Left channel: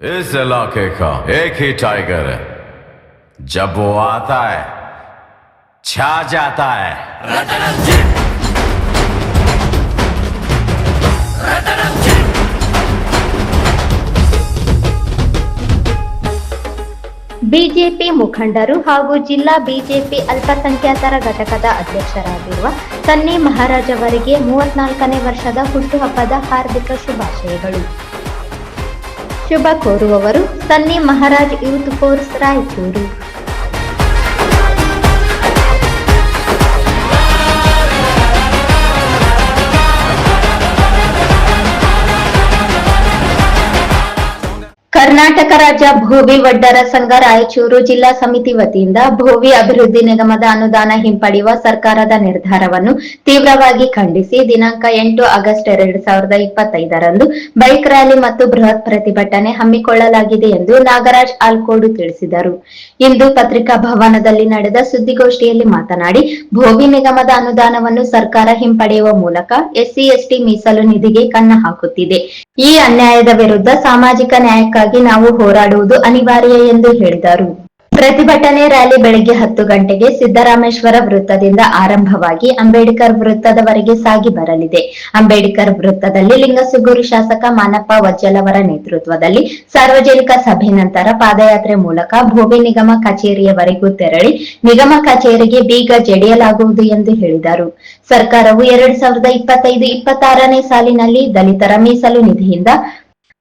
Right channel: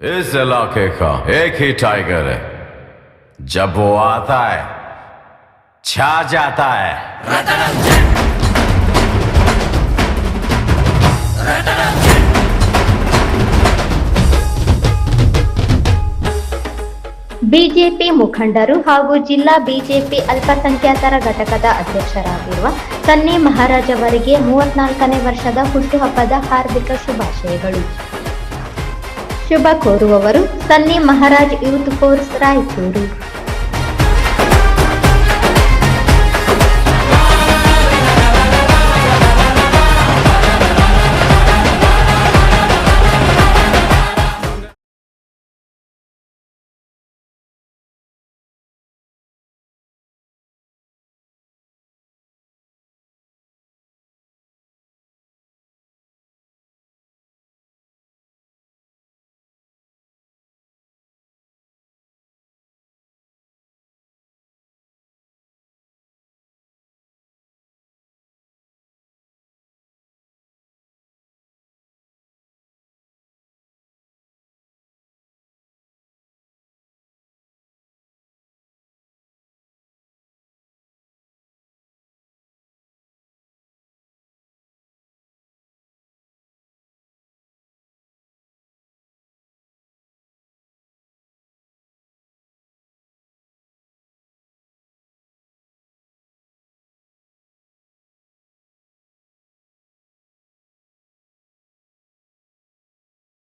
इस इलाके का एक ही टाइगर है, जब वो आता है छा जाता है। ಬಿಜೆಪಿ ಮುಖಂಡರು ಹಾಗೂ ಜಿಲ್ಲಾ ಬಿಜೆಪಿ ಅಲ್ಪಸಂಖ್ಯಾತರ ಘಟಕದ ಅಧ್ಯಕ್ಷರಾಗಿರುವ ಸನ್ನಿ ಮಹಾರಾಜ್ ಅವರಿಗೆ 34ನೇ ವರ್ಷದ ಹುಟ್ಟುಹಬ್ಬದ ಹಾರ್ದಿಕ ಶುಭಾಶಯಗಳು. ಶುಭ ಕೋರುವವರು ಸನ್ನಿ ಮಹಾರಾಜ್ ಯೂತ್ ಫೋರ್ಸ್ ರಾಯಚೂರು. ಕರ್ನಾಟಕ ರಾಜ್ಯ ಭೋವಿ ವಡ್ಡರ ಸಂಘ ರಾಯಚೂರು ಜಿಲ್ಲಾ ಸಮಿತಿ ವತಿಯಿಂದ ಭೋವಿ ಅಭಿವೃದ್ಧಿ ನಿಗಮದ ಅನುದಾನ ಹಿಂಪಡೆಯುವ ಸರ್ಕಾರದ ನಿರ್ಧಾರವನ್ನು ತೀವ್ರವಾಗಿ ಖಂಡಿಸಿ ದಿನಾಂಕ 8 ಆಗಸ್ಟ್ 2025ರಂದು ಬೈಕ್ ರ್ಯಾಲಿ ಮತ್ತು ಬೃಹತ್ ಪ್ರತಿಭಟನೆ ಹಮ್ಮಿಕೊಳ್ಳಲಾಗಿದೆ ಎಂದು ನಾಗರಾಜ್ ಆಲ್ಕೋಡು ತಿಳಿಸಿದರು. ಇಂದು ಪತ್ರಿಕಾ ಭವನದಲ್ಲಿ ನಡೆದ ಸುದ್ದಿಗೋಷ್ಠಿಯಲ್ಲಿ ಮಾತನಾಡಿ, ಭೋವಿ ನಿಗಮದ ಅನುದಾನವನ್ನು ಸರ್ಕಾರ ಹಿಂಪಡೆಯುವ ಮೂಲಕ ಎಸ್ಸಿ ಎಸ್ಟಿ ಮೀಸಲು ನಿಧಿಗೆ ಕನ್ನ ಹಾಕುತ್ತಿದೆ. ಈ ಅನ್ಯಾಯದ ವಿರುದ್ಧ ಸಾಮಾಜಿಕ ನ್ಯಾಯಕ್ಕಾಗಿ ನಾವು ಹೋರಾಡುವುದು ಅನಿವಾರ್ಯ ಎಂದು ಹೇಳಿದರು. ಪ್ರತಿಭಟನೆ ರ್ಯಾಲಿ ಬೆಳಗ್ಗೆ 10 ಗಂಟೆಗೆ ಸಿದ್ದರಾಮೇಶ್ವರ ವೃತ್ತದಿಂದ ಆರಂಭವಾಗಿ ಅಂಬೇಡ್ಕರ್ ವೃತ್ತದವರೆಗೆ ಸಾಗಿ ಬರಲಿದೆ. ಅಂಬೇಡ್ಕರ್ ವೃತ್ತದಲ್ಲಿ ಲಿಂಗಸುಗೂರು ಶಾಸಕ ಮಾನಪ್ಪ ವಜ್ಜಲ್ ಅವರ ನೇತೃತ್ವದಲ್ಲಿ ಸಾರ್ವಜನಿಕ ಸಭೆ ನಂತರ ಪಾದಯಾತ್ರೆ ಮೂಲಕ ಭೋವಿ ನಿಗಮ ಕಚೇರಿಯವರೆಗೂ ತೆರಳಿ ನಿಗಮ ಕಚೇರಿಗೆ ಬೀಗ ಜಡಿಯಲಾಗುವುದು ಎಂದು ಹೇಳಿದರು. ಸರ್ಕಾರವು 2025-26ನೇ ಸಾಲಿನಲ್ಲಿ ದಲಿತರ ಮೀಸಲು ನಿಧಿಯಿಂದ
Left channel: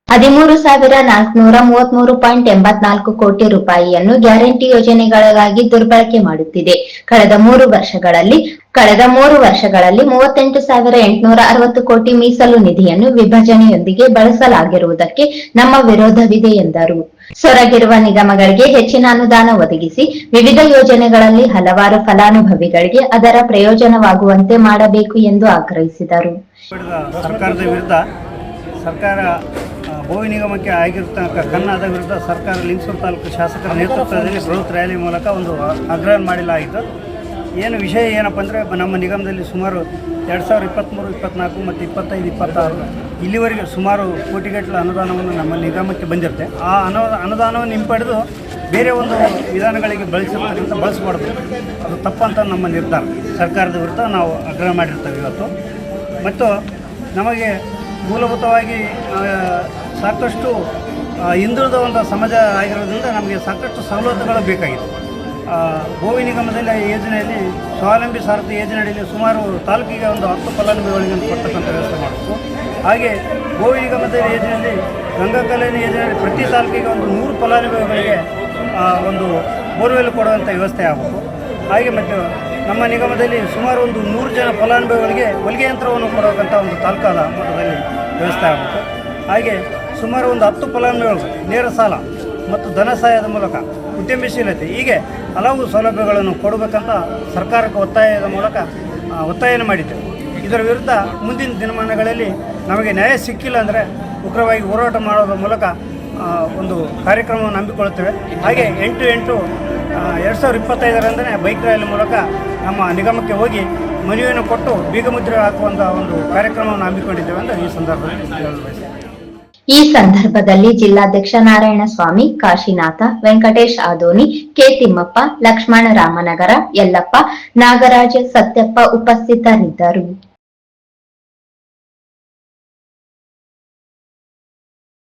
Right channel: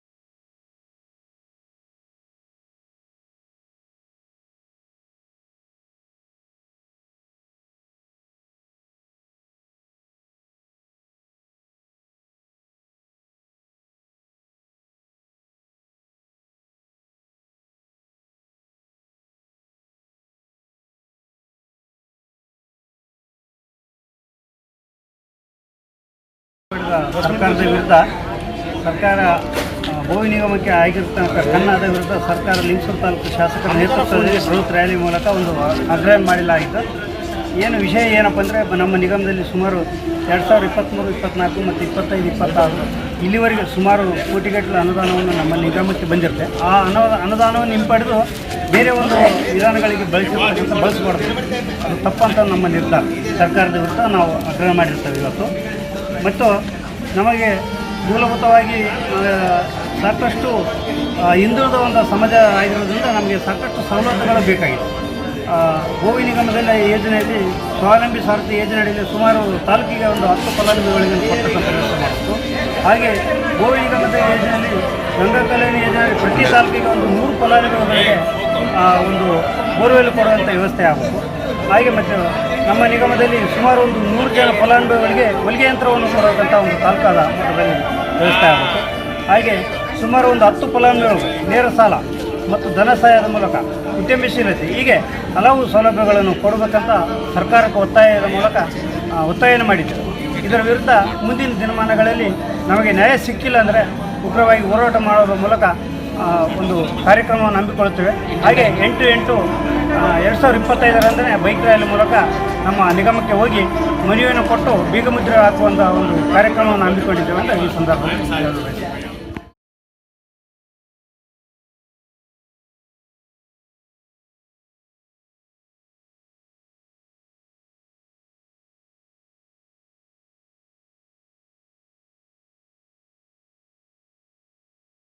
13,433.84 ಕೋಟಿ ರೂಪಾಯಿಯನ್ನು ಗ್ಯಾರಂಟಿ ಯೋಜನೆಗಳಿಗಾಗಿ ದುರ್ಬಳಕೆ ಮಾಡುತ್ತಿದೆ. ಕಳೆದ 3 ವರ್ಷಗಳಲ್ಲಿ 38,860 ಕೋಟಿ ಮೀಸಲು ನಿಧಿಯನ್ನು ವಿಭಜನೆಯೊಂದಿಗೆ ಬಳಸಲಾಗಿರುವುದಕ್ಕೆ ನಮ್ಮ ವಿರೋಧವಿದೆ ಎಂದರು. ಸೊರಗಿರುವ ನಿಗಮಗಳಿಗೆ ಹೆಚ್ಚಿನ ಅನುದಾನ ಒದಗಿಸಿ ವಿವಿಧ ಯೋಜನೆಗಳಲ್ಲಿ ಹಲವಾರು ಫಲಾನುಭವಿಗಳಿಗೆ ಅದರ ಪ್ರಯೋಜನವಾಗುವಂತೆ ಮಾಡಬೇಕು ಎಂದು ಆಗ್ರಹಿಸಿದರು. ಸರ್ಕಾರ ಭೋವಿ ನಿಗಮಕ್ಕೆ ಆಗಿರ್ತಕ್ಕಂಥ ಕನ್ನದ ವಿರುದ್ಧ ಸರ್ಕಾರ ಲಿಂಗಸೂರು ತಾಲೂಕು ಶಾಸಕರ ನೇತೃತ್ವದಲ್ಲಿ ಬೃಹತ್ ರ್ಯಾಲಿ ಮೂಲಕ ಒಂದು ಆಗ್ರಹ ಮಾಡಲಾಗಿತ್ತು. ವಿಷಯ ಏನಪ್ಪ ಅಂದರೆ, ನಮ್ಮ ನಿಗಮದಲ್ಲಿ ಸುಮಾರು 2023, 24 ಮತ್ತು 25-26 ಇಲ್ಲಿವರೆಗೆ ಸುಮಾರು ಕೋಟಿಗಟ್ಟಲೆ ಅನುದಾನವನ್ನು ನಮ್ಮ ನಿಗಮಕ್ಕೆ ಬಂದಿರುತ್ತೆ. ಆ ಅನುದಾನವನ್ನು ಹಿಂಪಡೆದು ಬೇರೆ ಒಂದು ವಿಧಾನಗಳಿಗೆ ಬಳಸಬಾರ್ದು, ಅದು ತಪ್ಪಂತ ನಮ್ಮ ನಿರ್ಧಾರ. ಸರ್ಕಾರದ ವಿರುದ್ಧ ನಾವು ಆಗ್ರಹ ಮಾಡಿರ್ತೇವೆ ಇವತ್ತು. ಮತ್ತು ನಮಗೆ ಮೂಲಭೂತವಾಗಿ ಸಾಕಷ್ಟು ಹಿಂದುಳಿದ ಒಂದು ಸಮಾಜ ಆಗಿರೋದ್ರಿಂದ ನಮಗೆ ಸಾಕಷ್ಟು ಸವಲತ್ತುಗಳು ಬೇಕಾಗಿದೆ. ಭೋವಿ ನಿಗಮದಲ್ಲಿ ಯೋಜನೆಯಲ್ಲಿ ಸ್ವಾವಲಂಬಿ ಸಾರಥಿ ಯೋಜನೆ ಅಡಿಯಲ್ಲಿ ಸುಮಾರು ತಾಲೂಕಿಗೆ ಒಂದು 10 ಫಲಾನುಭವಿಗಳಿಗೆ ಕೊಡ್ತಕ್ಕಂಥ ವ್ಯವಸ್ಥೆ ಮಾಡಬೇಕು. ಹಾಗೆ ಭೋವಿ ನಿಗಮದ ಯೋಜನೆಯಲ್ಲಿ ಗಂಗಾ ಕಲ್ಯಾಣ ಯೋಜನೆಯಲ್ಲಿ ಪ್ರತಿ ತಾಲೂಕಿಗೆ ಒಂದು 100 ಫಲಾನುಭವಿಗಳಿಗೆ ಒಂದು ಬೋರ್ವೆಲ್ ಕೊಡುವಂಥ ವ್ಯವಸ್ಥೆ ಆಗಬೇಕು. ಹಾಗೆ ಮತ್ತು ನಮ್ಮ ನಿಗಮದಲ್ಲಿ ಸುಮಾರು ಒಂದು 100 ಜನ ಫಲಾನುಭವಿಗಳಿಗೆ ಹೊಲಿಗೆ ಯಂತ್ರವನ್ನು ಕೊಡತಕ್ಕಂಥ ಒಂದು ತಾಲೂಕಾದ ಮಟ್ಟದಲ್ಲಿ ವ್ಯವಸ್ಥೆ ಆಗಬೇಕು. ಹಾಗೆ ಸುಮಾರು ಒಂದು 10 ಫಲಾನುಭವಿಗಳು ನೇರ ಸಾಲ ಮತ್ತು ಧನ ಸಹಾಯದ ಮೂಲಕ ಉದ್ಯಮಶೀಲತೆ, ಹೀಗೆ ಹಲವು ಸೌಲಭ್ಯಗಳನ್ನು ಕೊಡಬೇಕಂತ ಸರ್ಕಾರಕ್ಕೆ ಒತ್ತಾಯದ ಮೂಲಕ ಒತ್ತಾಯವನ್ನು ಮಾಡಿದ್ದೇವೆ. ಇದರ ವಿರುದ್ಧ ಮುಂದಿನ ದಿನಮಾನಗಳಲ್ಲಿ ನಮಗೆ ನ್ಯಾಯ ಸಿಕ್ಕಿಲ್ಲ ಅಂದರೆ ಉಗ್ರವಾಗಿ ಹೋರಾಟ ಮಾಡೋದ್ರ ಮೂಲಕ ಒಂದು ಕಾರ್ಯಕ್ರಮವನ್ನು ಹಮ್ಮಿಕೊಳ್ಳುತ್ತೇವೆ. ಹಾಗೆ 8/8/2025ರಂದೇ ಬೈಕ್ ರ್ಯಾಲಿ ಮೂಲಕ ನಮ್ಮ ನಿಗಮಕ್ಕೆ ಹೋಗಿ ಮನವಿಯನ್ನು ಕೊಟ್ಟು ಬೀಗಮುದ್ರೆ ಹಾಕುವಂಥ ಒಂದು ಕಾರ್ಯಕ್ರಮವನ್ನು ಹಮ್ಮಿಕೊಂಡಿದ್ದೇವೆ ಅಂತ ಈ ಸಂದರ್ಭದಲ್ಲಿ ಹೇಳಲು ಬಯಸುತ್ತೇನೆ. ಈ ಸಂದರ್ಭದಲ್ಲಿ ಜಿಲ್ಲಾಧ್ಯಕ್ಷ ನಾರಾಯಣಸ್ವಾಮಿ, ಕಾಶಿನಾಥ, ವೆಂಕಟೇಶ್ ಆದೋನಿ, ಕೆ ತಿಮ್ಮಪ್ಪ, ಲಕ್ಷ್ಮಣ ರಾಮನಗರ, ಯಲ್ಲಪ್ಪ, ನಾಗರಾಜ, ಸತ್ಯಪ್ಪ ಉಪಸ್ಥಿತರಿದ್ದರು.